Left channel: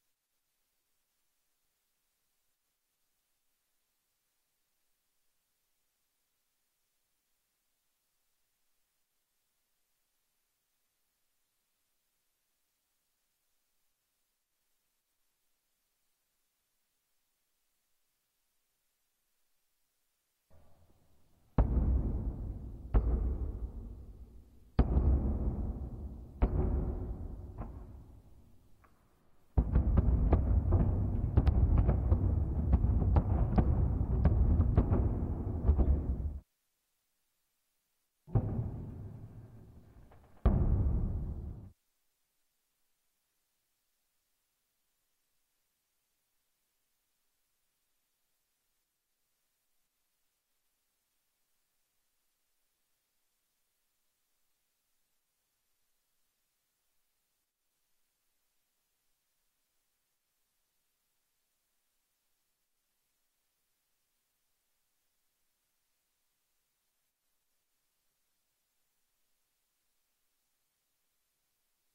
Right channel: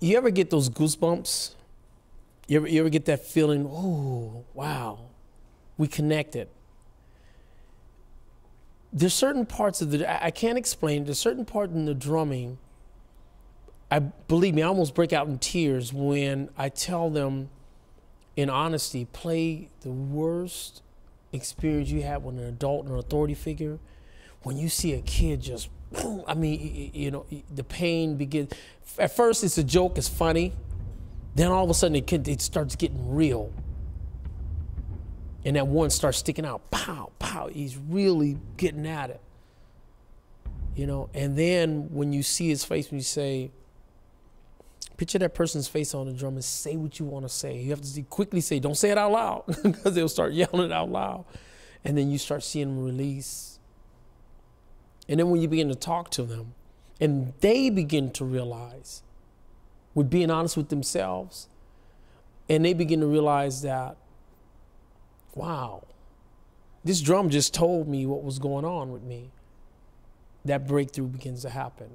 You ever get those goosebumps? You ever get that feeling, oh, wow, we connected. There's certain parts of I can't explain, there's certain part in the drumming, believe me, I almost break out in tears when I tell them in honesty, play the worst experience you had with an adult or an authority figure. When you see a kid just, boom, I mean, you know, the pain begins. At first it's a joke, it's funny. Then all of a sudden it starts getting real. And that one starts sticking out, pow, pow. He's really getting at it. You know, and then when you see his face, when you say, picture that person's face on the drum and say what you want to say. You have to quickly say, don't say it out loud, because they'll start yelling it out loud. And then you start seeing them release. And then when you begin to talk to them, and they begin to realize, with being honest with themselves, and they begin to realize that, wow, this drum just told me what was going on with me. That breakthrough begins to happen.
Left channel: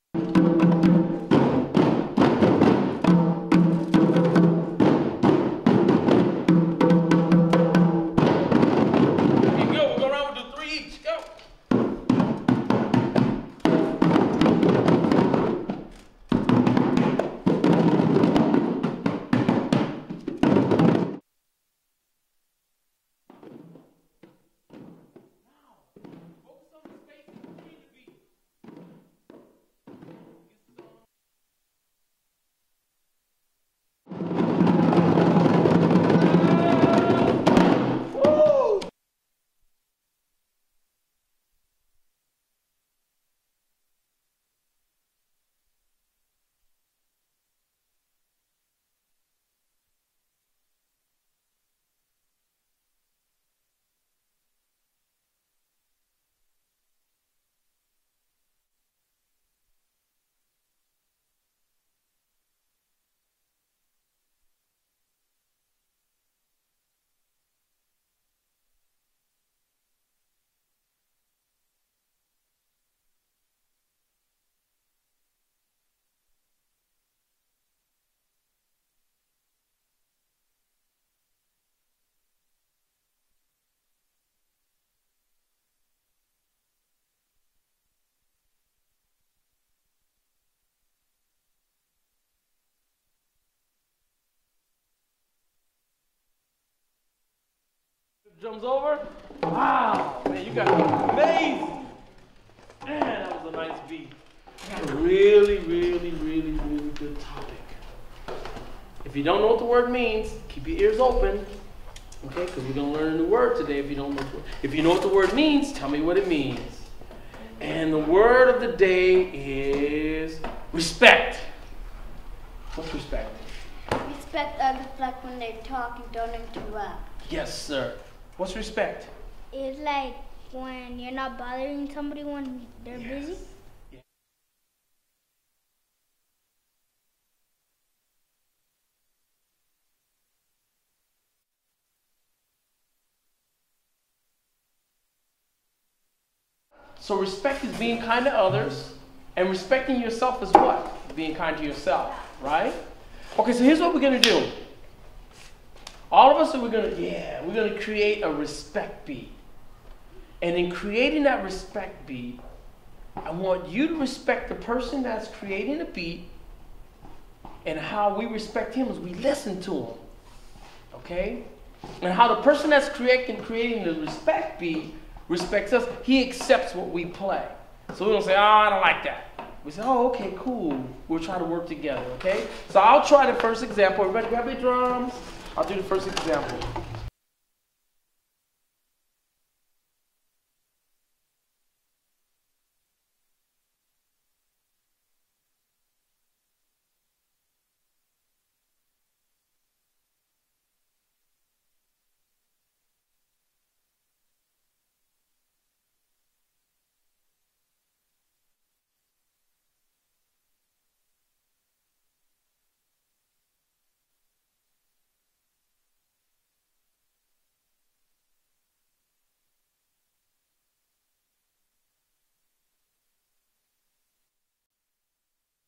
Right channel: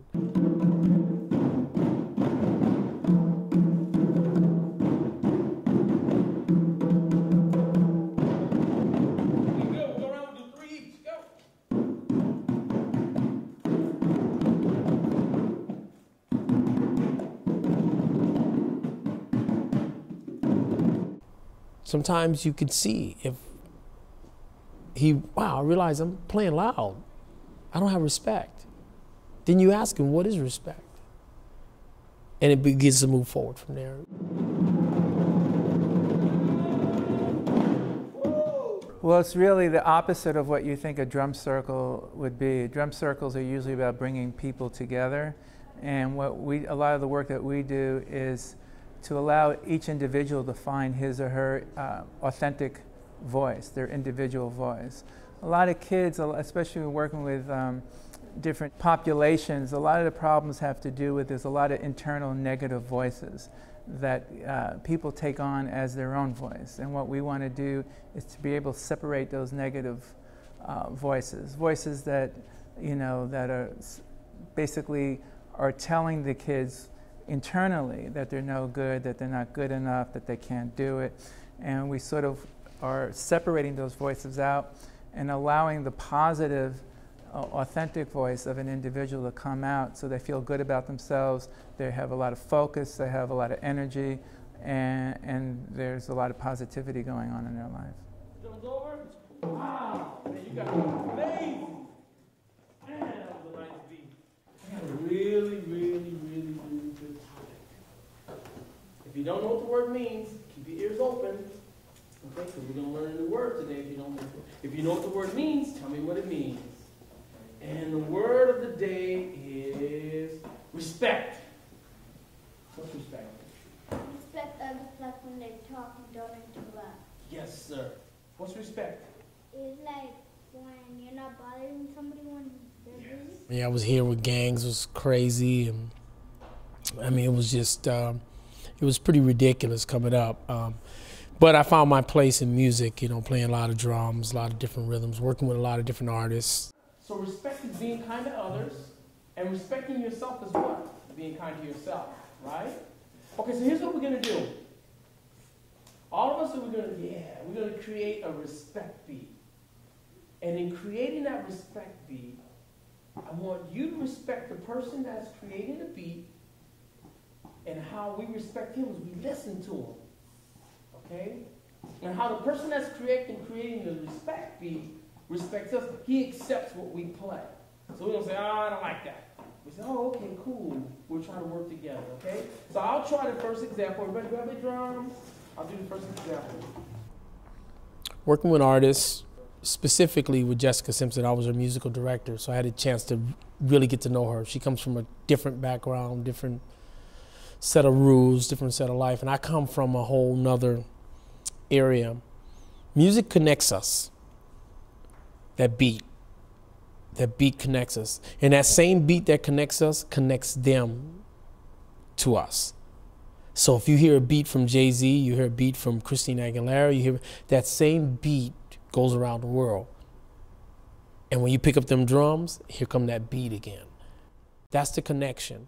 Sometimes you can see if wow, I realize I'm playing loud. I don't have respect. Then you ask him, what is respect? And it begins to move forward from there. Well, it's really the opposite of what you think a drum circle would be. Drum circles are usually about bringing people together. And a lot of the work that we do is to allow each individual to find his or her authentic voice, their individual voice. A lot of kids, especially working with different populations, a lot of the problems have to do with there's a lot of internal negative voices that people take on as their own voice. And what we want to do is to be able to separate those negative voices that, you know, that are basically are telling the kids internally that they're no good, that they're not good enough, that they can't do it. And we sort of are separating those voices out and allowing the positive, authentic voice of an individual to come out so they feel good about themselves, they have a lot of focus, they have a lot of energy, and there's a lot of positivity going on in their life. Drums over? Wow, man, you got it amazing. Man, that was a nice beat. I got a really, really, really, really good topic. If you don't know what the word means, keep your ears open, okay? Because we're going to learn a new word today. If you know what the word means, tell me what it means. And the word of the day is respect. What's respect? Respect others like when they talk and don't interrupt. Yes, sir. What's respect? It's like when you're not bothering somebody when they're busy. Yeah, I was here with gangs. It was crazy. And I mean, it was just, it was pretty ridiculous coming up. But I found my place in music, you know, playing a lot of drums, a lot of different rhythms, working with a lot of different artists. So respect is being kind to others, and respecting yourself is what? Being kind to yourself, right? Okay, so here's what we're gonna do. All of us we're gonna create a respect beat. And in creating that respect beat, I want you to respect the person that's creating the beat, and how we respect him is we listen to him, okay? And how the person that's creating the respect beat respects us, he accepts what we play. So we don't say, oh, I don't like that. We say, oh, okay, cool. We'll try to work together, okay? So I'll try the first example. Everybody grab your drums. I'll do the first example. Working with artists, specifically with Jessica Simpson, I was her musical director, so I had a chance to really get to know her. She comes from a different background, different set of rules, different set of life, and I come from a whole nother area. Music connects us. That beat connects us. And that same beat that connects us connects them to us. So if you hear a beat from Jay-Z, you hear a beat from Christina Aguilera, you hear that same beat goes around the world. And when you pick up them drums, here come that beat again. That's the connection.